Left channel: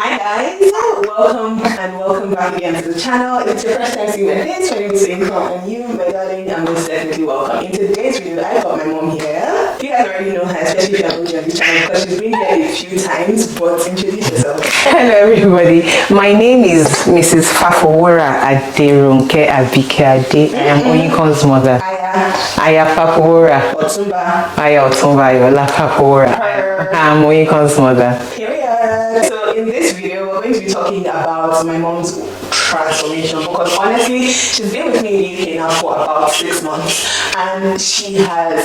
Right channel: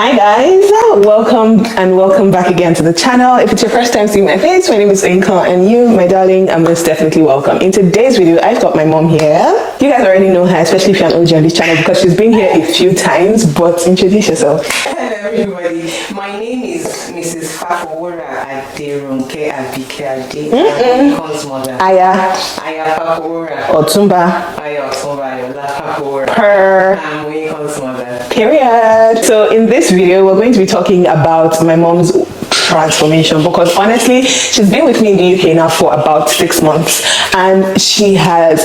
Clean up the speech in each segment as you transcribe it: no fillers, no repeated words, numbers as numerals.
Hi guys, welcome back again to the channel. If it's your first time seeing my face, my name is Inka, and you, my darling, are most definitely welcome. In today's video, I've got my mom here. You guys already know her, especially if you're an OG on this channel, because she's been here a few times, but introduce yourself. Hello everybody, my name is Mrs. Fafowora Aderunke Abike Ade. I am Onikon's mother. Aya Fafowora Otumba Yola Fafowora. I am Onikon's mother. Period. So in this video, we're going to be talking about my mom's transformation, because honestly, she's been with me in the UK now for about 6 months, and she has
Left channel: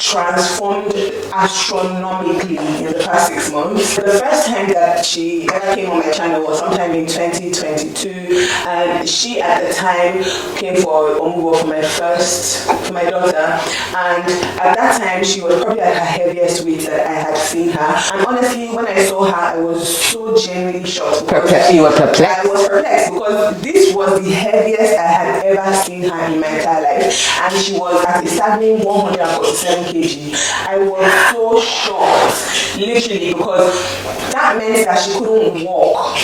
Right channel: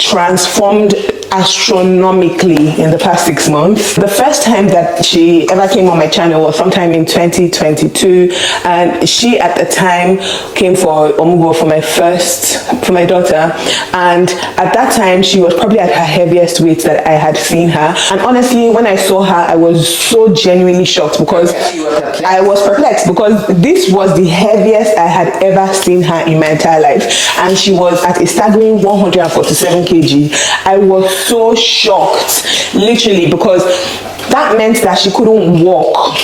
transformed astronomically in the past 6 months. The first time that she ever came on my channel was sometime in 2022, and she at the time came for OMUGWO for my daughter, and at that time she was probably at her heaviest weight that I had seen her. And honestly, when I saw her, I was so genuinely shocked, because you were perplexed. I was perplexed, because this was the heaviest I had ever seen her in my entire life, and she was at a staggering 147 kg. I was so shocked, literally, because that meant that she couldn't walk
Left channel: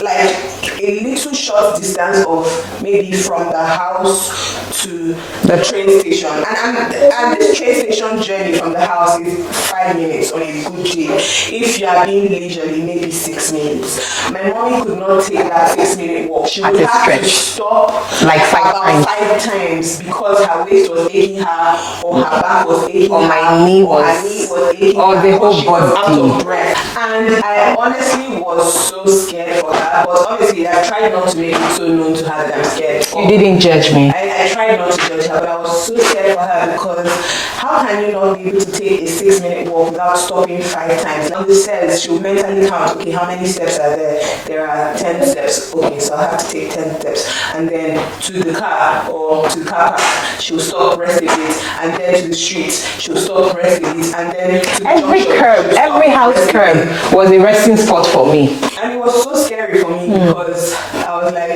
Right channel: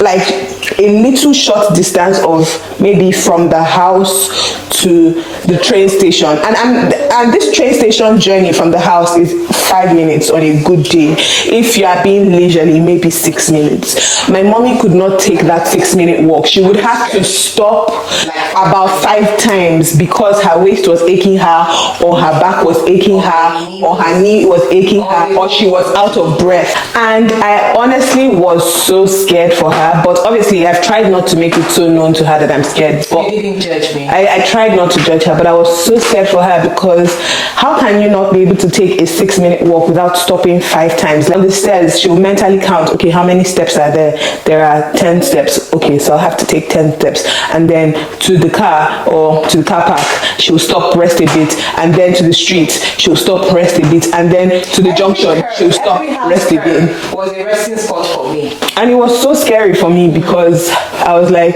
like a little short distance of maybe from the house to the train station, and this train station journey from the house is 5 minutes on a good day. If you are being leisurely, maybe 6 minutes. My mommy could not take that 6-minute walk. She would have to stop like about 5 times, because her waist was aching her, or her back was aching her, or her knee was aching her, or she was out of breath. And I honestly was so scared for her, but obviously I've tried not to make it so known to her that I'm scared. You didn't judge me. I tried not to judge her, but I was so scared for her, because how can you not be able to take a 6-minute walk without stopping 5 times? Like the stairs, she'll mentally count, okay, how many steps are there? There are 10 steps. Okay, so I'll have to take 10 steps. And then to the car, or to the car park, she'll stop, rest a bit. And then to the street, she'll stop, rest a bit. And then to the junction, she'll stop, every house rest a bit. Was a resting spot for me. And it was so scary for me, because I was like,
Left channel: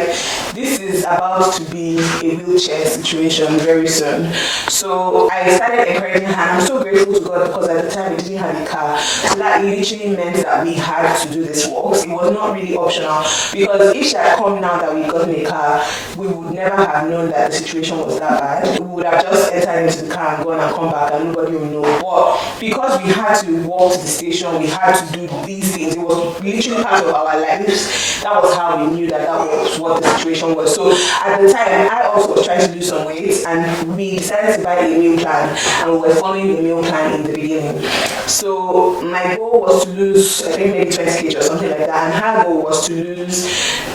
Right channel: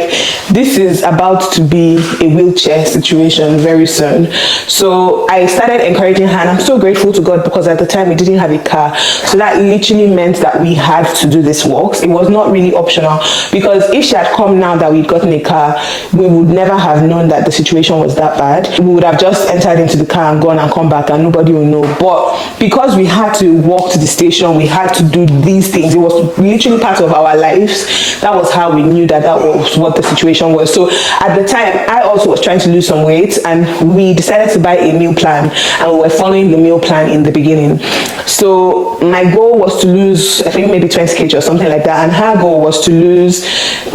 this is about to be a wheelchair situation very soon. So I started encouraging her, and I'm so grateful to God, because at the time we didn't have a car. So that literally meant that we had to do this walks. It was not really optional, because if she had come now that we'd gotten a car, we would never have known that the situation was that bad. We would have just entered into the car and gone and come back, and nobody would know. But because we had to walk to the station, we had to do these things. It was literally part of our lives. That was how we knew that that was what the situation was. So at the time, I also was trying to lose some weight, and we decided to buy a meal plan, and we were following the meal plan in the beginning. So my goal was to lose, I think maybe 20 kg or something like that, and her goal was to lose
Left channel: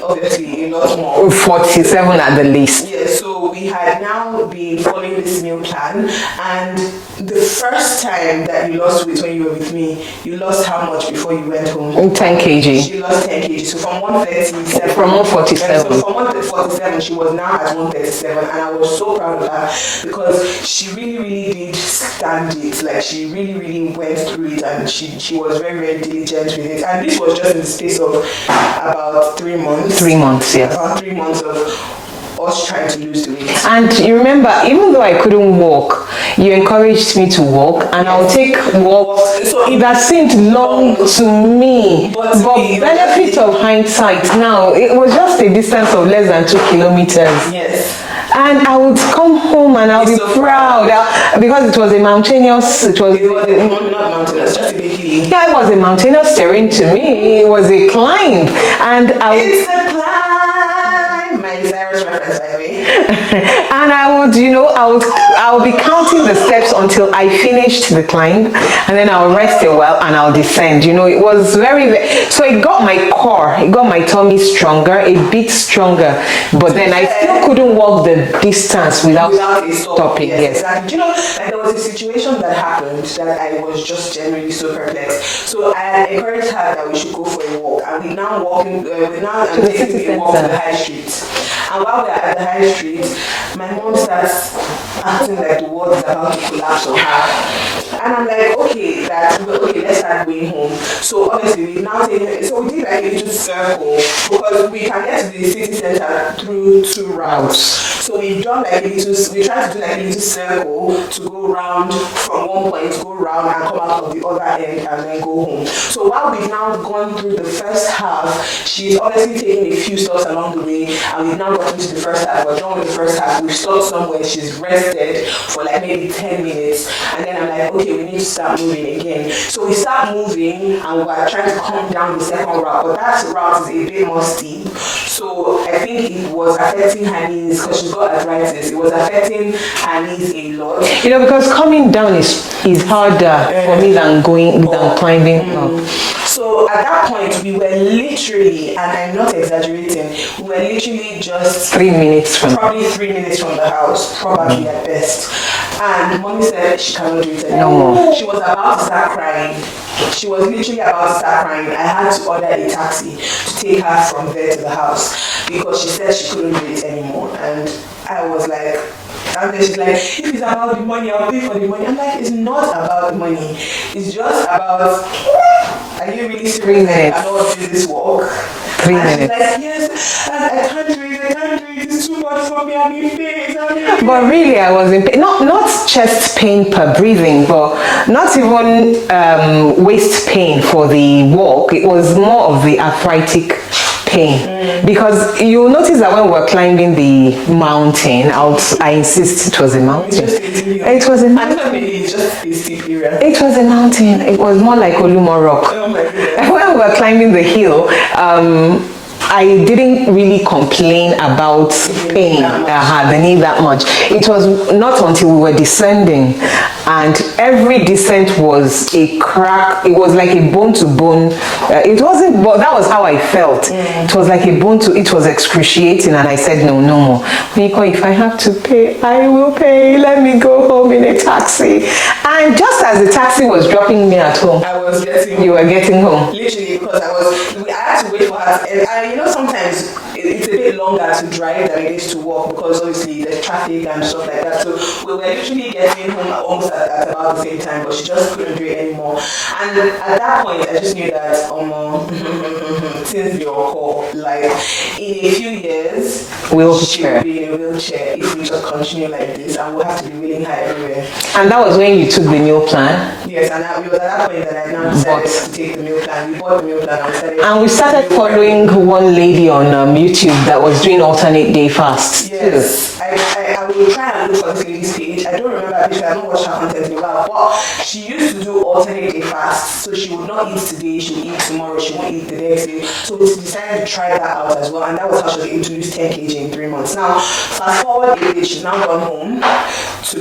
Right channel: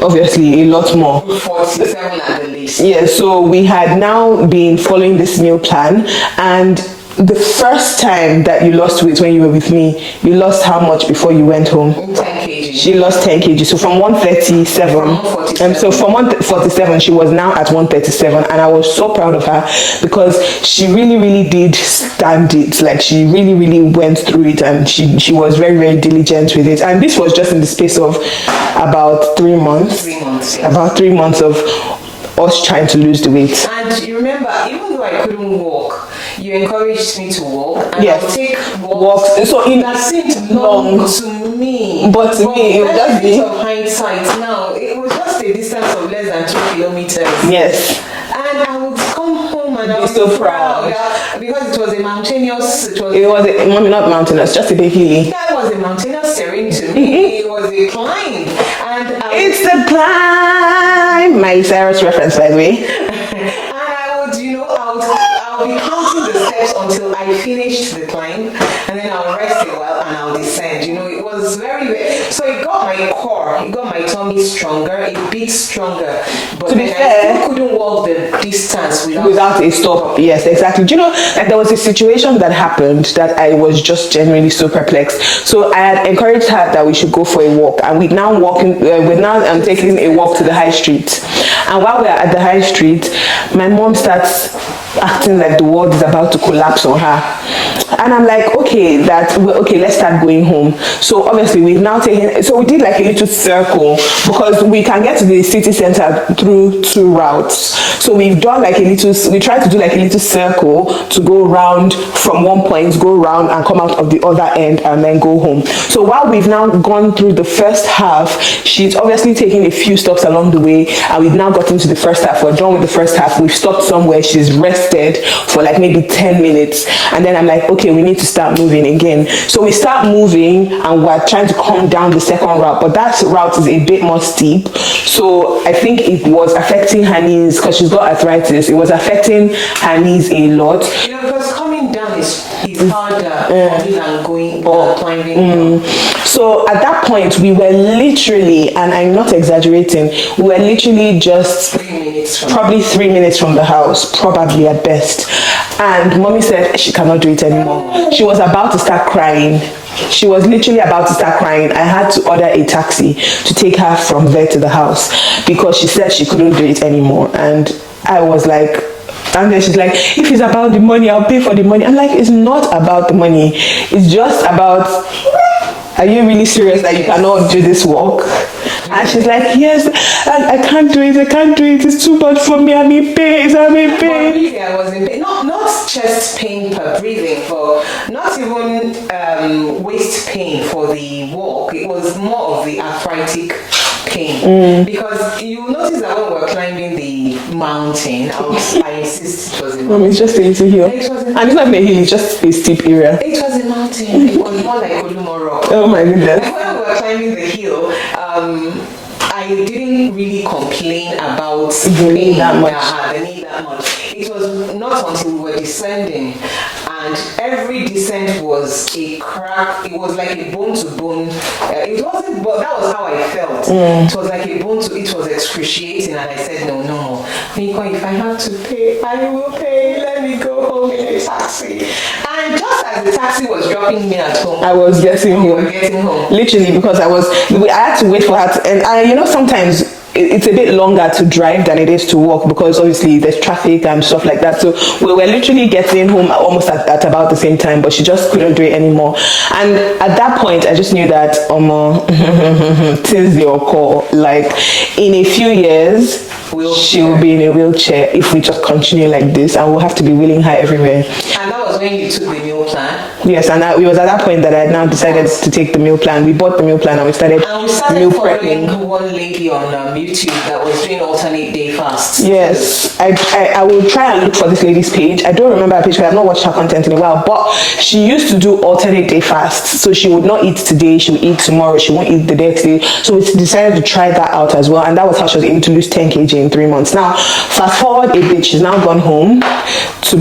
obviously a lot more, 47 at the least. Yeah, so we had now been following this meal plan, and the first time that you lost weight when you were with me, you lost how much before you went home? 10 kg. She lost 10 kg. So from 137. From 147. And so from 147, she was now at 137. And I was so proud of her, because she really, really did stand it. Like, she really, really went through it, and she was very, very diligent with it. And this was just in the space of about 3 months. 3 months, yeah. About 3 months of us trying to lose the weight. And you remember, even though I couldn't walk, you encouraged me to walk, and yes. I'll take walks. So it that seemed long to me, but benefit of hindsight now, it was just a distance of less than 2 kilometers. Yes. And I would come home and I would be so proud because it was a mountainous. It was not mountainous, just a bit hilly. Yeah, it was a mountainous terrain to me. It was a climb, and it's a climb. My Cyrus reference, by the way. And I would be counting the steps until I finished the climb, and then I'll rest a while and I'll descend. It was so it got my core, it got my tummy stronger, a bit stronger. But then I still couldn't walk the distance without a stop. Yes, exactly. Like, there was a situation that happened that I was just genuinely so perplexed. So I had encouraged her that we should go for a walk, and we're now taking a walk to the high street. And while we're at the high street, my mom starts acting like the world is about to collapse on her. And I'm like, okay, let's start going home. So obviously we've now taken, so we did like a little circle because we can get to the city center through 2 routes. So we've done like we tried to do like a little circle to go around from one point, go around and come out of the other end and then go home. So while we've now gone through the first half, she's obviously taking a few stops along the way, and we've now gotten to the first half. We're done with the first half. We've stopped somewhere. She's rested for like maybe 10 minutes. And then I'm like, okay, we need to start moving again. So we start moving and we're trying to come down the second route, but that route is a bit more steep. So I think it was affecting her knees because she's got arthritis. It was affecting her knees a lot. You know, because coming down is harder for me than climbing. So at that point, we were literally, and I'm not exaggerating, we were literally just 3 minutes from probably 3 minutes from the house, probably at best. And mommy said she cannot do it anymore. She was about to start crying. She was literally about to start crying. I had to order a taxi to take her from there to the house because she said she couldn't do it anymore. And I was like, and then she's like, if it's about the money, I'll pay for the money. I'm like, it's not about the money. It's just about, are you really serious that you cannot do this walk? And she's like, yes, I can't do it. It's too much for me. I'm in pain. But really, I was in pain. Not chest pain per breathing, but not even waist pain for the walk. It was more of the arthritic pain. Because you'll notice that when we're climbing the mountain, I insist it was a mountain. It's just a little hill. It was a mountain. And it's not a hill, it's just a steep area. It was a mountain. It was more like Olumo Rock. Oh my goodness. When we were climbing the hill, I didn't really complain about pain the knee that much. It was not until we were descending, and every descent was a crack. It was like a bone to bone. It wasn't, but that was how I felt. It was like a bone to. It was excruciating, and I said no more. Nico, if I have to pay, I will pay. Let me go home in a taxi. And just as the taxi was dropping me at home, I was getting home. You were getting home. Literally, because I had to wait for her to, and you know, sometimes it's a bit longer to drive than it is to walk because obviously there's traffic and stuff like that. So we were literally getting home almost at about the same time, but she just couldn't do it anymore. And at that point, I just knew that things they occur. Like in a few years, she will be in a wheelchair if we just continue like this, and we'll have to be wheeling her everywhere. And that was when you took the meal plan? Yes, and it was at that point that I now decided to take the meal plan. We bought the meal plan and we started. And we started following one lady on YouTube that was doing alternate day fasts. Yes, I will try and look for this lady's page. I don't remember her page because I've not watched her content in a while, but she used to do alternate day fasts. So she would not eat today, she would eat tomorrow, she won't eat the next day. So we decided to try that out as well, and that was how she was able to lose 10 kg in 3 months. Now, fast forward a bit, she's now gone home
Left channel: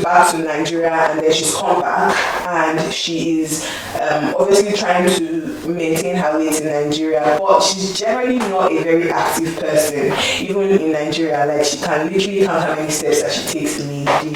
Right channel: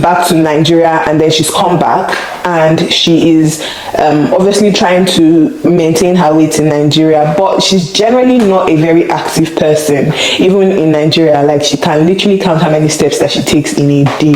back to Nigeria, and then she's come back, and she is obviously trying to maintain her weight in Nigeria, but she's generally not a very active person. Even in Nigeria, like she can literally count how many steps that she takes in a day.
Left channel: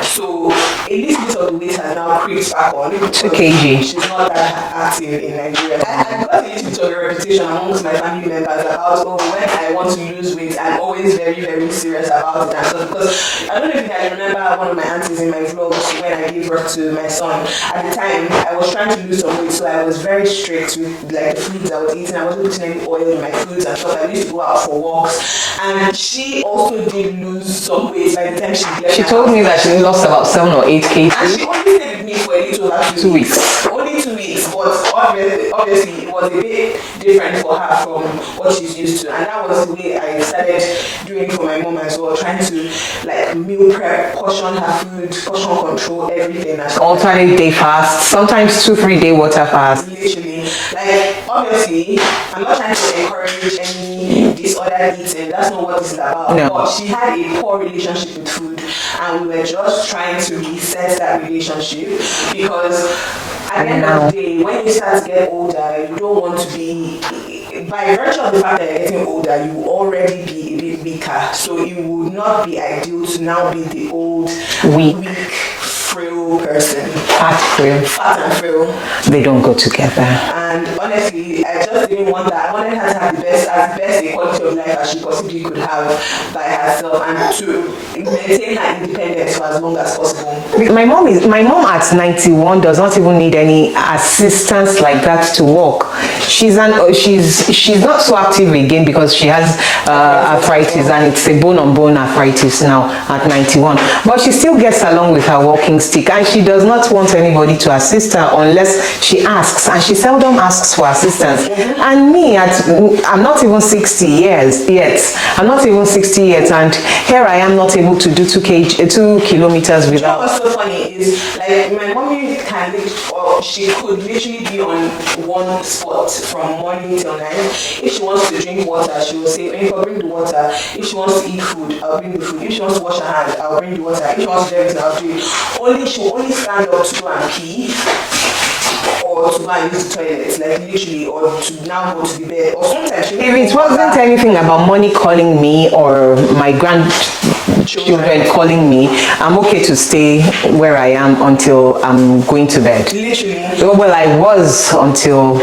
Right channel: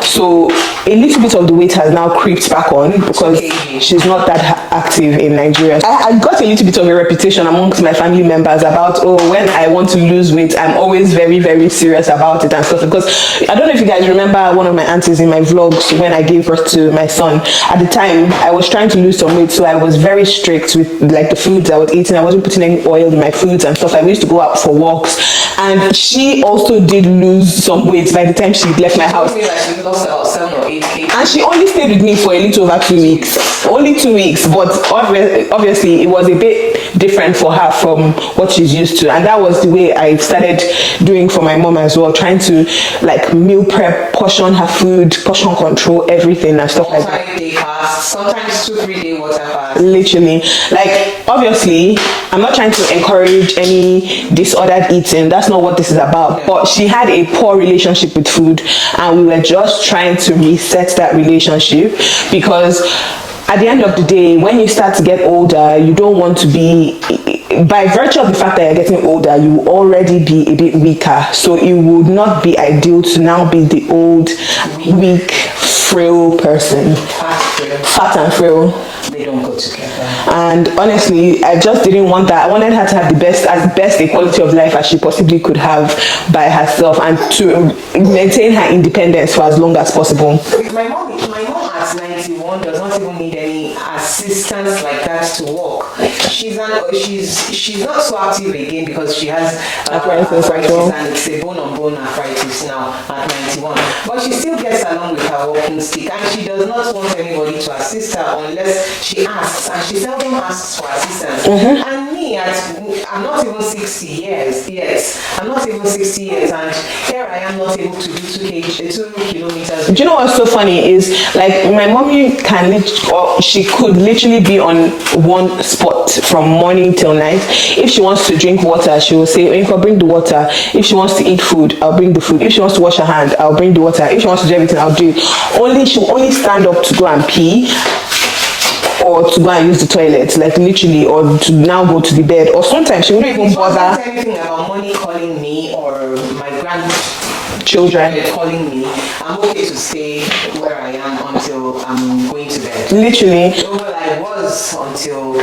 So a little bit of the weight has now creeped back on because she's not that active in Nigeria. I got a little bit of a reputation amongst my family members about, when I want to lose weight, I'm always very, very serious about it and stuff. Because I don't know if you guys remember one of my aunties in my vlogs when I gave birth to my son. At the time, I was trying to lose some weight, so I was very strict with like the foods I was eating. I wasn't putting any oil in my foods and stuff. I used to go out for walks, and she also did lose some weight by the time she left my house. She told me that she lost about 7 or 8 kg. And she only stayed with me for a little over 2 weeks. Only 2 weeks, but obviously it was a bit different for her from what she's used to, and that was the way I started doing for my mom as well, trying to like meal prep, portion her food, portion control everything and stuff. Alternate day fast, sometimes 2-3 day water fast. Literally, like obviously I'm not trying to encourage any disordered eating, that's not what this is about. No. But she had a poor relationship with food, and we were just trying to reset that relationship, because at the end of the day, when you start to get older, you don't want to be by virtue of the fact that you're getting older, you will already be a bit weaker. So it would not be ideal to now be the old, weak, frail person. Fat and frail. They don't go together. And honestly, I just didn't want that. I wanted her to have the best a quality of life as she possibly could have by herself, and to maintain her independence for as long as possible. My mom at 91 does not even need any assistance like that to walk. She's not so active again because she has arthritis, and it's a bone-on-bone arthritis now at 91. But she still gets along with her walking stick, and she does not want anybody to assist her unless she asks, and she seldom asks for assistance. And me, I'm not even 60 years yet. I'm not even 60 yet, and here I am not able to do 2 kilometers. Do you know what's so funny is, like, my mommy she could literally be on one spot from morning till night. If she wants to drink water, she will say, "If I bring the water." If she wants to eat food, I'll bring the food. If she wants to wash her hand, I'll bring the water. If she wants to do everything, I'll do it. She'll only stand up to go and pee, or to go and use the toilet, like literally, or to now go to the bed, or sometimes she won't even bother. It wasn't anything about money calling me or my grandchildren calling me. I'm okay to stay where I am until I'm going to bed. Literally. Well, I was until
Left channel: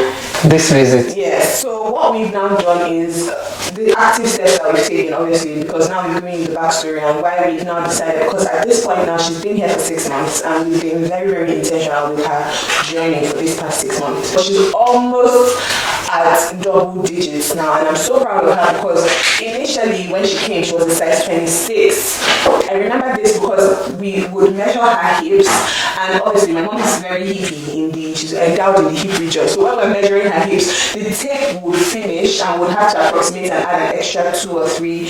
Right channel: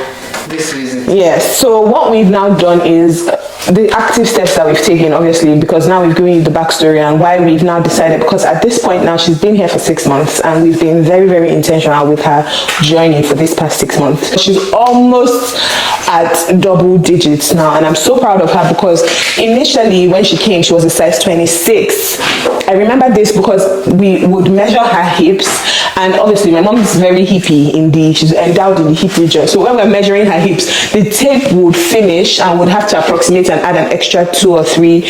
this visit. Yes. So what we've now done is the active steps that we've taken, obviously, because now we've given you the backstory and why we've now decided, because at this point now she's been here for 6 months, and we've been very, very intentional with her journey for this past 6 months. She's almost at double digits now, and I'm so proud of her, because initially when she came, she was a size 26. I remember this because we would measure her hips, and obviously my mom is very hippie she's endowed in the hip region. So when we're measuring her hips, the tape would finish and would have to approximate and add an extra 2 or 3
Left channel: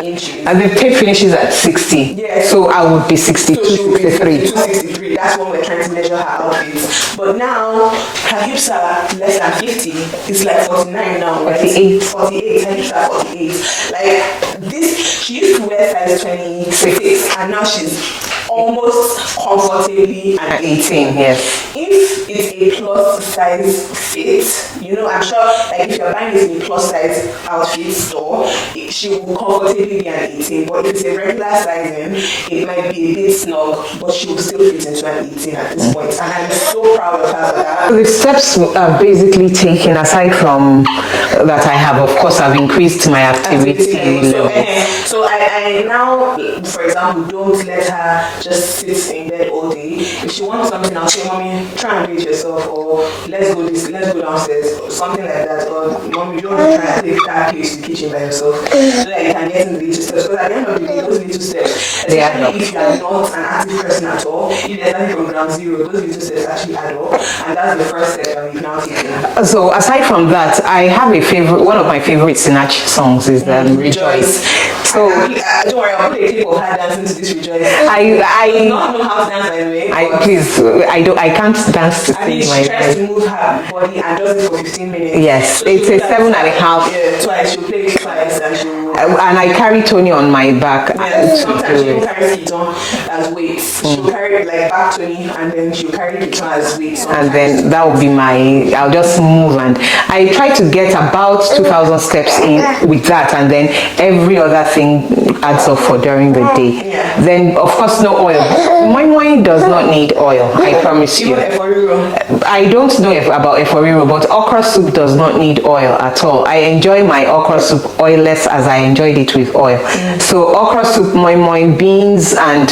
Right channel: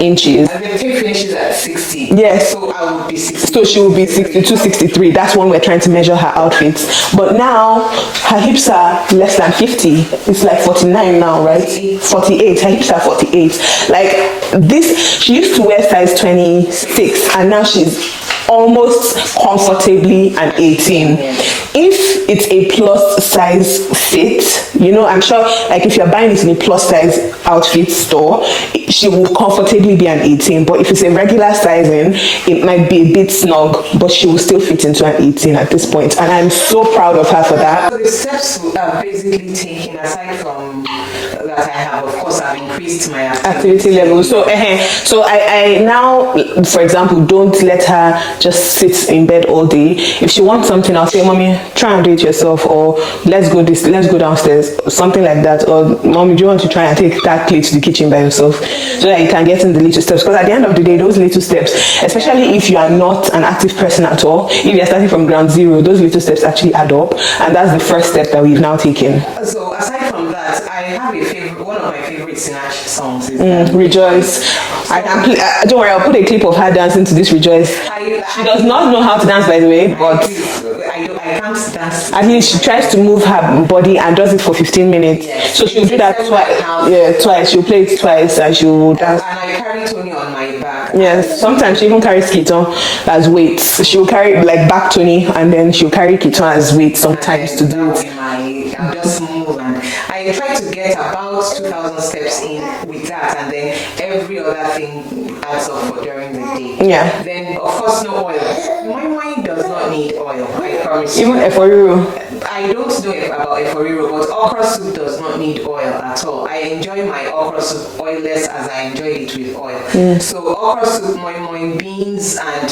inches. And the tape finishes at 60. Yes. So I would be 60. So she would be 62, 63. That's when we're trying to measure her outfits. But now her hips are less than 50. It's like 49 now, right? 48. Her hips are 48. Like this, she used to wear size 26, and now she's almost comfortably an 18. Yes. If it's a plus size fit, I'm sure, like, if you're buying it in a plus size outfit store, she will comfortably be an 18. But if it's a regular sizing, it might be a bit snug, but she will still fit into an 18 at this point. And I'm so proud of her for that. The steps are basically taken, aside from that, I have, of course, I've increased my activity level. So I now, for example, don't let her just sit in bed all day. If she wants something, I'll say, "Mommy, try and do it yourself," or let's go downstairs, or something like that. Or, "Mommy, do you want to try and take that plate to the kitchen by yourself?" So that you can get in the little steps. Because at the end of the day, those little steps, especially if you are not an active person at all, if you're starting from ground zero, those little steps actually add up, and that's the first step that we've now taken. So aside from that, I have a favorite. One of my favorite Sinach songs is Rejoice. So don't worry, I'll put a clip of her dancing to this Rejoice. She does not know how to dance, by the way. I can't dance. I mean, she tries to move her body and does it for 15 minutes. Yes. So she'll do that twice. She'll play it twice, and she'll. And I carry Tony on my back. Yeah. Sometimes she even carries Kiton as weights. She'll carry like back Tony, and then she'll carry Kiton as weights sometimes. And then that will be I'll just move, and I try to get about 2,000 steps in with that, and then every other thing adds up for during the day. Yeah. Then of course no oil. My does not need oil. I promise you. Even Eforiro. I don't know about Eforiro, but okra soup does not need oil at all. I enjoy my okra soup oilless as I enjoyed it with oil. So okra soup, moi beans, and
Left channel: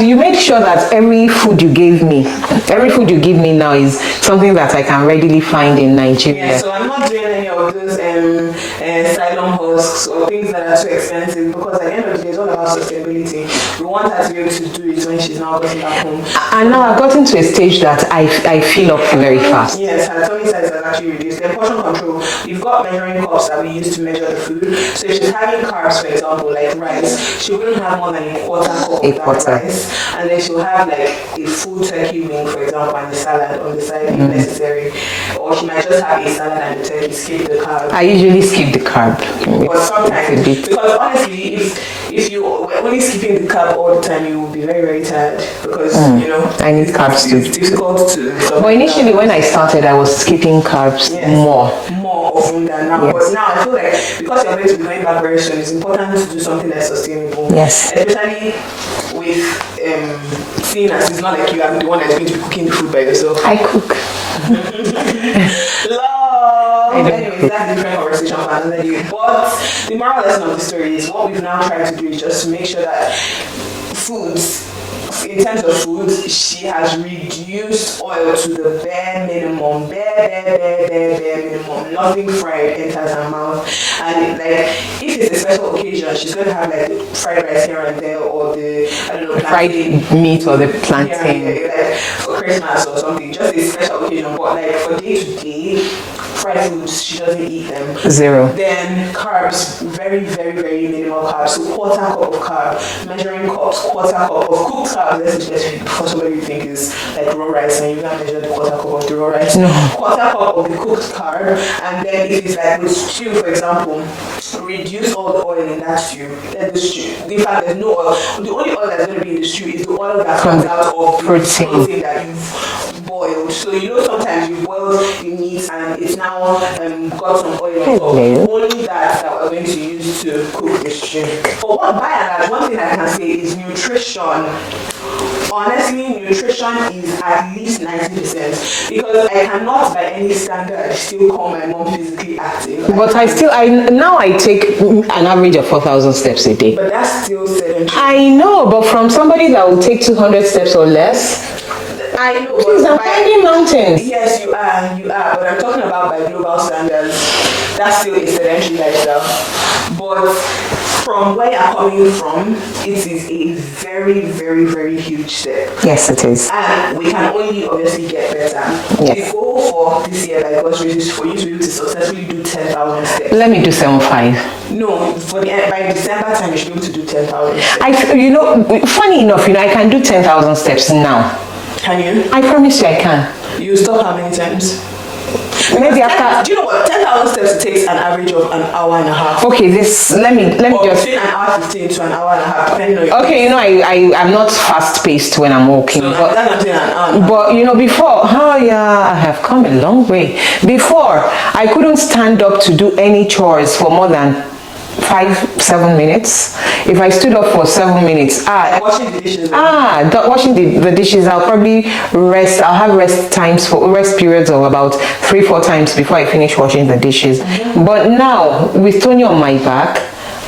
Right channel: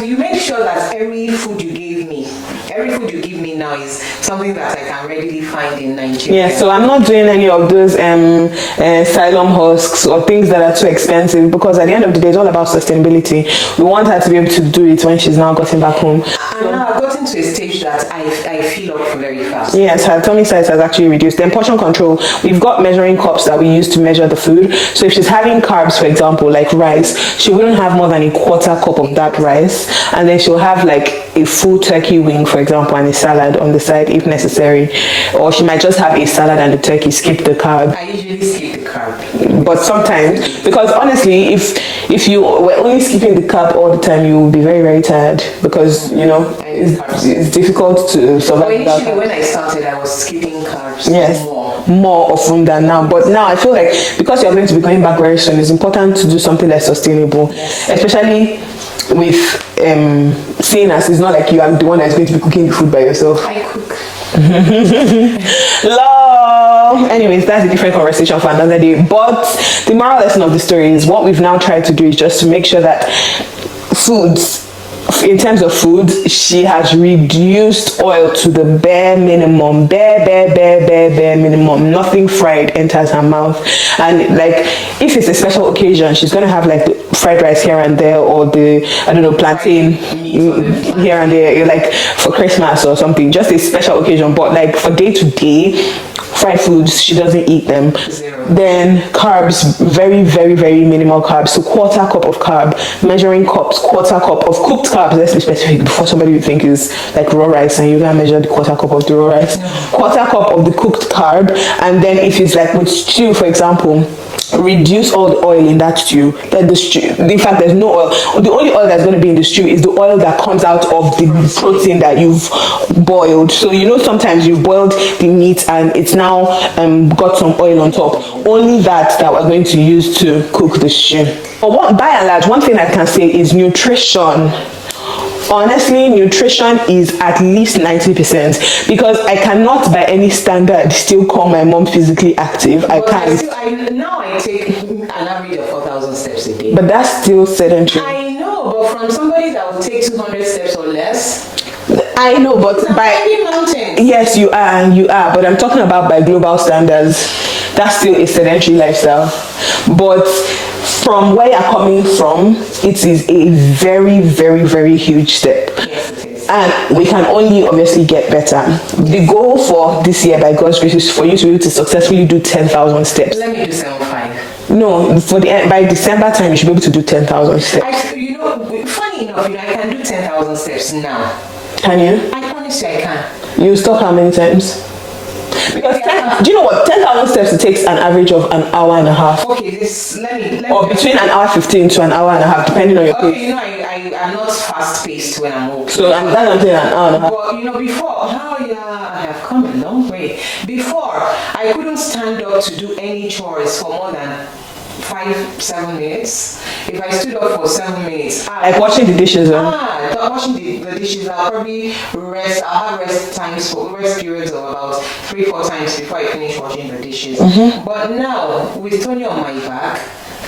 you made sure that every food you give me now is something that I can readily find in Nigeria. Yeah, so I'm not doing any of those xylem husks or things that are too expensive, because at the end of the day, it's all about sustainability. We want her to be able to do it when she's now gotten back home. And now I've gotten to a stage that I fill up very fast. Yes, her tummy size has actually reduced. Then portion control, we've got got measuring cups that we use to measure the food. So if she's having carbs, for example, like rice, she wouldn't have more than a quarter cup of that rice, and then she'll have like a full turkey wing, for example, and a salad on the side if necessary. Or she might just have a salad and the turkey, skip the carb. I usually skip the carb, but sometimes, because honestly, if you were only skipping the carb all the time, you will be very, very tired, because you know, I need carbs too. It's difficult to survive. Well, initially when I started, I was skipping carbs more often than now. But now I feel like, because you're going to be coming back very soon, it's important to do something that's sustainable. Yes. Especially with seeing as it's not like you are the one that's going to be cooking the food by yourself. I cook. Love. Anyways, that's a different conversation for another day. But the moral lesson of the story is, what we've now tried to do is just to make sure that foods, in terms of food, she has reduced oil to the bare minimum. Bare minimum. Nothing fried enters her mouth. And like, if it's a special occasion, she's gonna have like the fried rice here and there, or the, I don't know, plantain meat, or the plantain here and there, like for Christmas or something, just a special occasion. But like for day to day fried foods, she doesn't eat them. Zero. Then carbs, very minimal carbs. So quarter cup of carb, measuring cups, quarter cup of cooked carbs. Let's be specific, before somebody would think is like raw rice and you're gonna measure the quarter cup of the raw rice. No. Quarter cup of the cooked carb. And then if it's like with stew, for example, reduce all the oil in that stew. Let the stew, in fact, there's no oil. The only oil that's going to be in the stew is the oil that comes out of the protein that you've boiled. So you know, sometimes you've boiled the meat and it's now got some oil on top. Only that we're going to use to cook the stew. But by and large, one thing I can say is nutrition. Honestly, nutrition is at least 90%, because I cannot by any standard still call my mom physically active. But I take an average of 4,000 steps a day. But that's still sedentary. I know, but from somebody that will take 200 steps or less, I know, but by mountains. Yes, you are. But I'm talking about by global standards. That's still a sedentary lifestyle. But from where you're coming from, it is a very huge step. Yes, it is. And we can only obviously get better. Yes. The goal for this year, by God's grace, is for you to be able to successfully do 10,000 steps. Let me do 7.5. No, by December time, you should be able to do 10,000 steps. Funny enough, I can do 10,000 steps now. Can you? I promise you I can. You stop how many times? Do you know what? 10,000 steps, it takes an average of an hour and a half. Okay, let me just between an hour 15 to an hour and a half, depending on your pace. I'm not fast paced when I'm walking. So that's what I'm saying, an hour and a half. But before, I have come a long way. Before, I couldn't stand up to do any chores for more than 5-7 minutes. If I stood up for 7 minutes, like washing the dishes. Washing the dishes, I'll probably rest. I'll have rest periods of about 3-4 times before I finish washing the dishes. But now, with Tony on my back,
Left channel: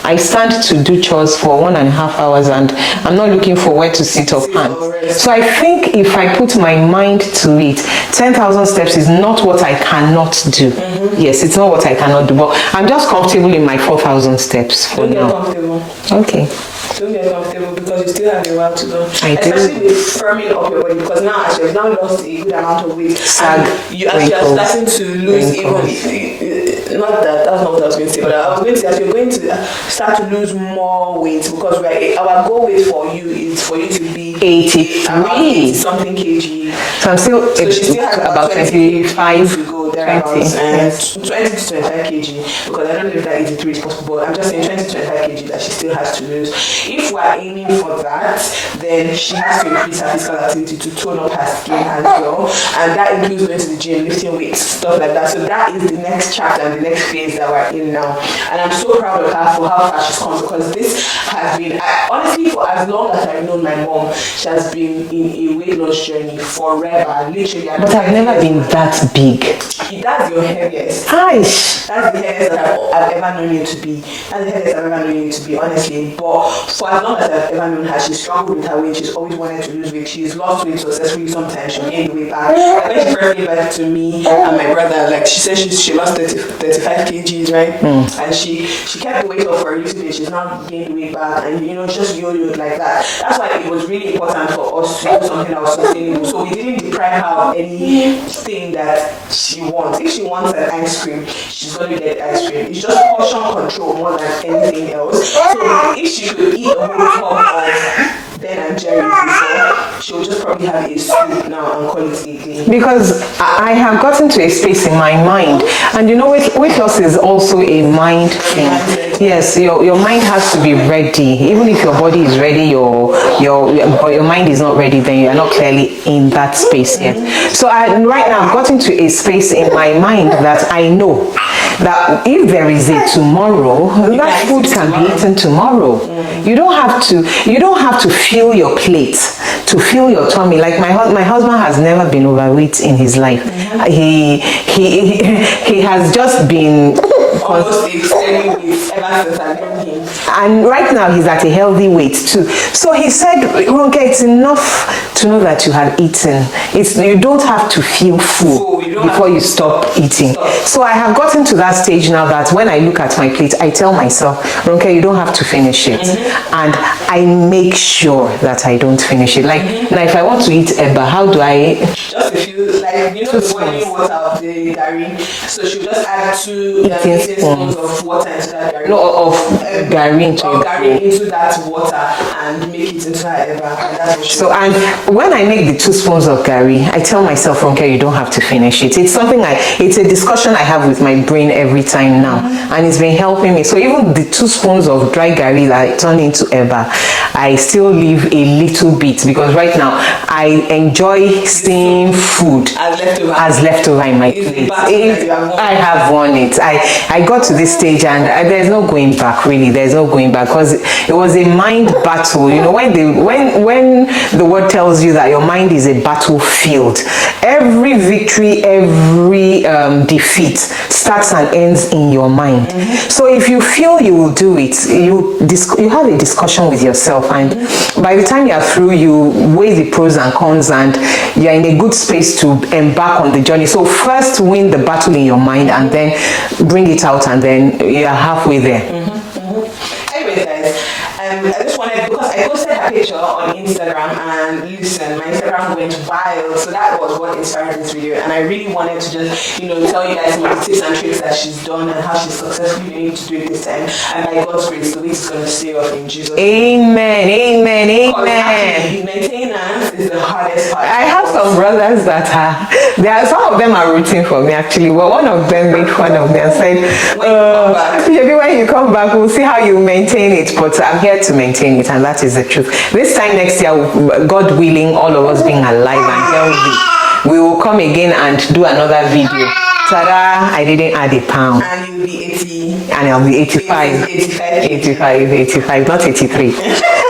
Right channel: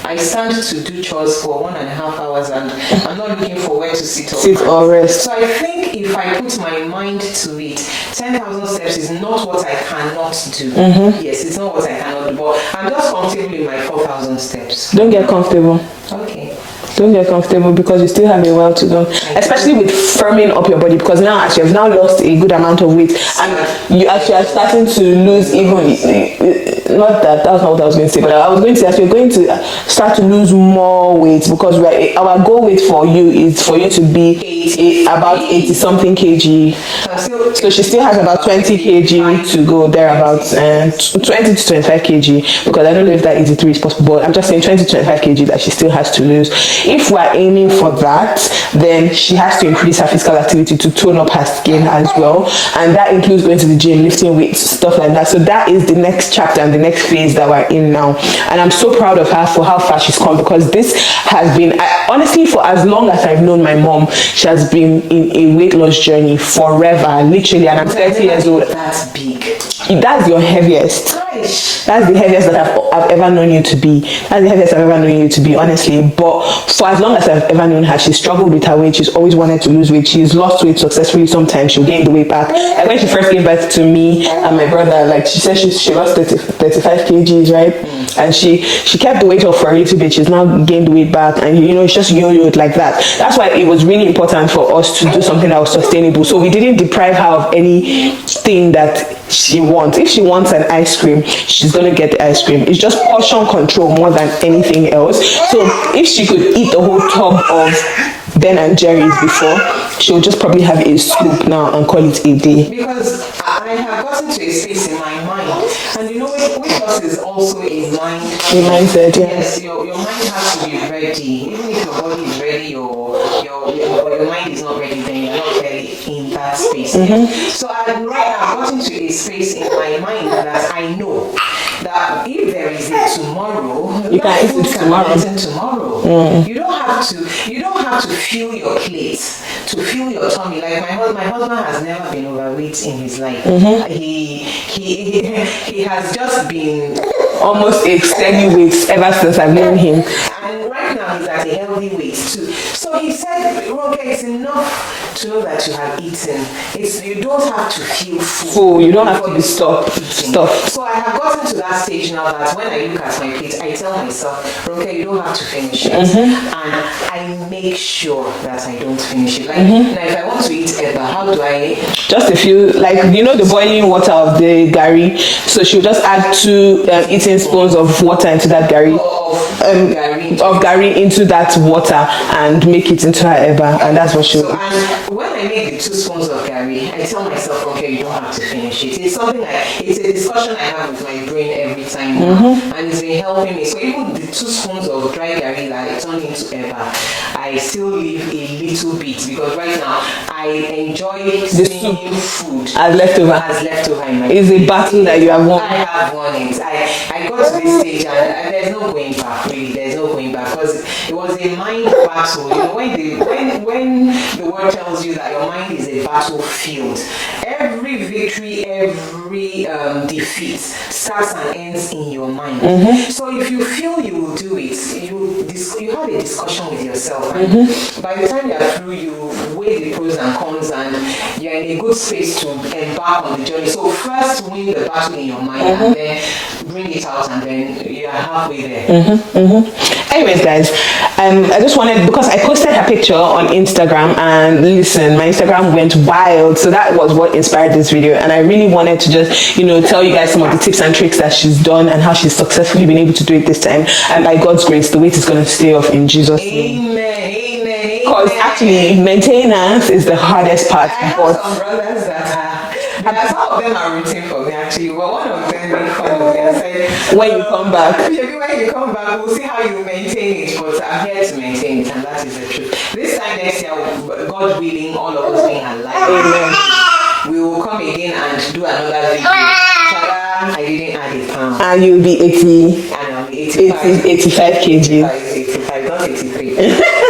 I stand to do chores for 1.5 hours, and I'm not looking for where to sit or rest. So I think if I put my mind to it, 10,000 steps is not what I cannot do. Yes, it's not what I cannot do, but I'm just comfortable in my 4,000 steps. Don't get comfortable. Okay. Don't get comfortable, because you still have a while to go. Especially with firming up your body, because now as you've now lost a good amount of weight, and you are starting to lose that's not what I was going to say, but I was going to say that you're going to start to lose more weight, because our goal weight for you is for you to be 80 something kg. So she still has about 20 kg to go thereabouts, and 20 to 25 kg, because I don't know if that 83 is possible, but I'm just saying 20 to 25 kg that she still has to lose. If we're aiming for that, then she has to increase her physical activity to tone up her skin as well, and that includes going to the gym, lifting weights, stuff like that. So that is the next chapter and the next phase that we're in now, and I'm so proud of her for how far she's come, because this has been, honestly, for as long as I've known my mom, she has been in a weight loss journey forever, literally. And I'm 30 years old. That big. That's your heaviest. Gosh. That's the heaviest that I've ever known you to be. That's the heaviest I've ever known you to be, honestly. But for as long as I've ever known her, she's struggled with her weight. She's always wanted to lose weight. She's lost weight successfully. Sometimes she'll gain the weight back. Like when she first gave birth to me and my brother, like she said she lost 30 35 kgs, right? And she kept the weight off for a little bit. She's now gained the weight back, and it's just yo-yoed like that. That's why it was really important for us to do something that was sustainable. So we didn't deprive her of anything that she wants. If she wants an ice cream, she's gonna get the ice cream. It's just portion control more than anything else. So if she could eat the whole tub of Ben and Jerry's before, she'll just probably have a scoop now and call it a day. Because I have gotten to a space in my mind, and weight loss is also a mind thing. Mindset, yeah. Yes, your mind has to be ready. Even if your body is ready, but your mind is not ready, then you're not clearly in that space yet. So right now I've gotten to a space in my mind that I know that if there is a tomorrow, that food can be eaten tomorrow. You don't have to fill your plate, to fill your tummy. Like my husband has never been overweight in his life. He has just been almost a steady weight ever since I've known him. And right now he's at a healthy weight too. So he said, Ronke, it's enough to know that you have eaten. You don't have to feel full before you stop eating. So I have gotten to that stage now that when I look at my plate, I tell myself, Ronke, you don't have to finish it. And I make sure that I don't finish it. Like now, if I want to eat eba, how do I? Just a few, like the boiling water of the gari. So she'll just add 2 eating spoons of water into that gari. Of gari into that water and make it into her eba, and that's what she. So and when I make the 2 spoons of gari, I tell myself, Ronke, you don't have to finish it. It's it's a discussion I have with my brain every time now, and it's been helping me. So even the 2 spoons of dry gari that I turn into eba, I still leave a little bit, because right now I enjoy seeing food as leftover in my It's a battle that you have won. I have won it. I got to this stage, and there's no going back, really. There's no going back, because it was a mind battle. When the word tells you that your mind is a battlefield, every victory, every defeat starts and ends in your mind. So if you feel you will do it, you have a discussion with yourself, and by the time you're through, you weigh the pros and cons, and you're in a good space to embark on the journey. So first win the battle in your mind, and then bring it out, and then you're halfway there. Anyways, guys, I just wanted, because I posted her picture on Instagram, and listen, my Instagram went wild. So that was what inspired this video, and I really wanted to just tell you guys some of the tips and tricks that she's done and how she's successfully been able to do it this time. And by God's grace, the weight is going to stay off in Jesus' name. Amen. Because actually, maintenance is the hardest part. I have some brothers that some of them are rooting for me actually, but one of them made fun of me and said, when you come back, maybe when you come back, we'll see how you maintain it. But I'm here to maintain it, and that is the truth. This time next year, God willing, all of us being alive and healthy, we will come again and do another video. Ta-da! I didn't add a pound. And you'll be 80. And I'll be 85. 85 kg. 85, not 83.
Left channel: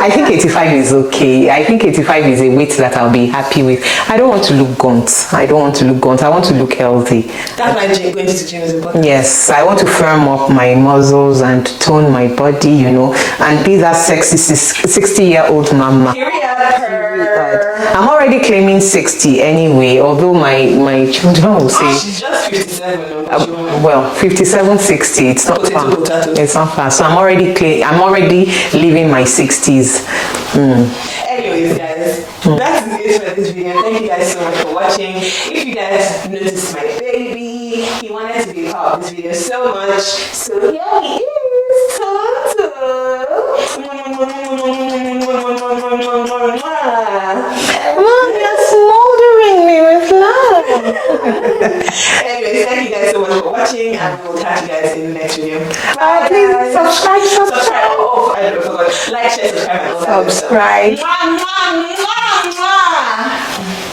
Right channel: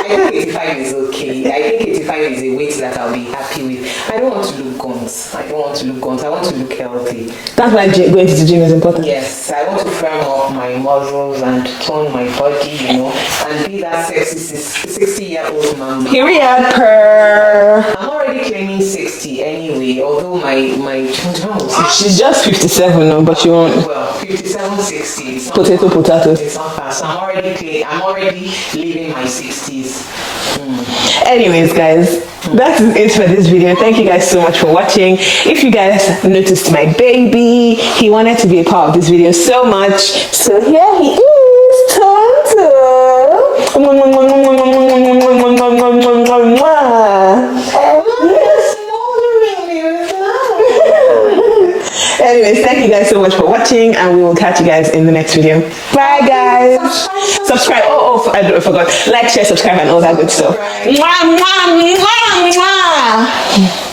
I think 85 is okay. I think 85 is a weight that I'll be happy with. I don't want to look gaunt. I want to look healthy. That's why going to the gym is important. Yes, I want to firm up my muscles and tone my body, and be that sexy 60-year-old mama. Period. I'm already claiming 60 anyway, although my children will say she's just 57 now, but she won't. Well, 57, 60. It's not potato. It's not fast. So I'm already living my 60s. Anyways, guys, that is it for this video. Thank you guys so much for watching. If you guys noticed my baby, he wanted to be a part of this video so much. So here he is, Anyways, thank you guys so much for watching, and we will catch you guys in the next video. Bye, guys. Subscribe. Oh, I forgot. Like, share, subscribe, and all that good stuff. Right. Mwah, mwah, mwah, mwah.